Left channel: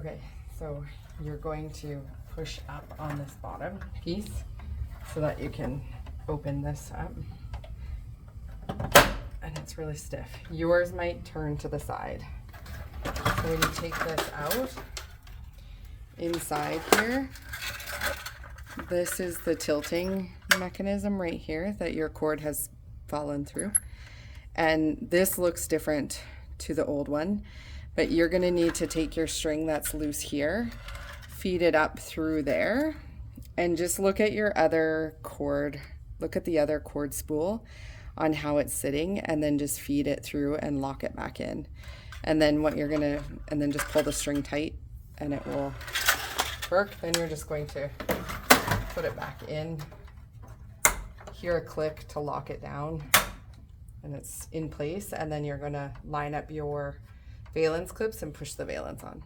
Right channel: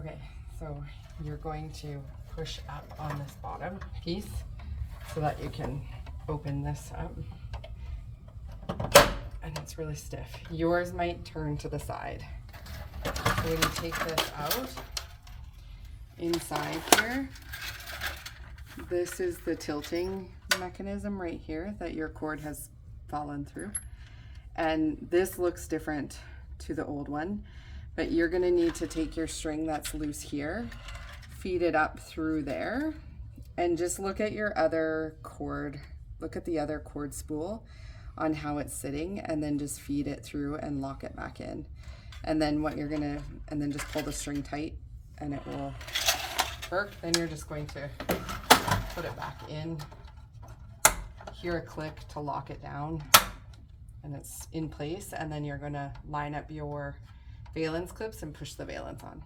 Okay, so you're going to push up on this bottom piece so that you can open this up. And it's really stiff. Yours might turn to the side. So when you take this out, inside here, this is the tilting mechanism right here that your cord has fallen through. And this looks different to the old one, but you're gonna need to take your string that's loose here, feed it up through there, and just look at your other cord, look at the other cord spool on how it's sitting, and then just feed it through and lock it back in. And then and then just pull the string tight and it will work. Then you're just going to put it back in, hear a click to lock it down, and it's in place. And then you're gonna line up your valence clips and push the valence on.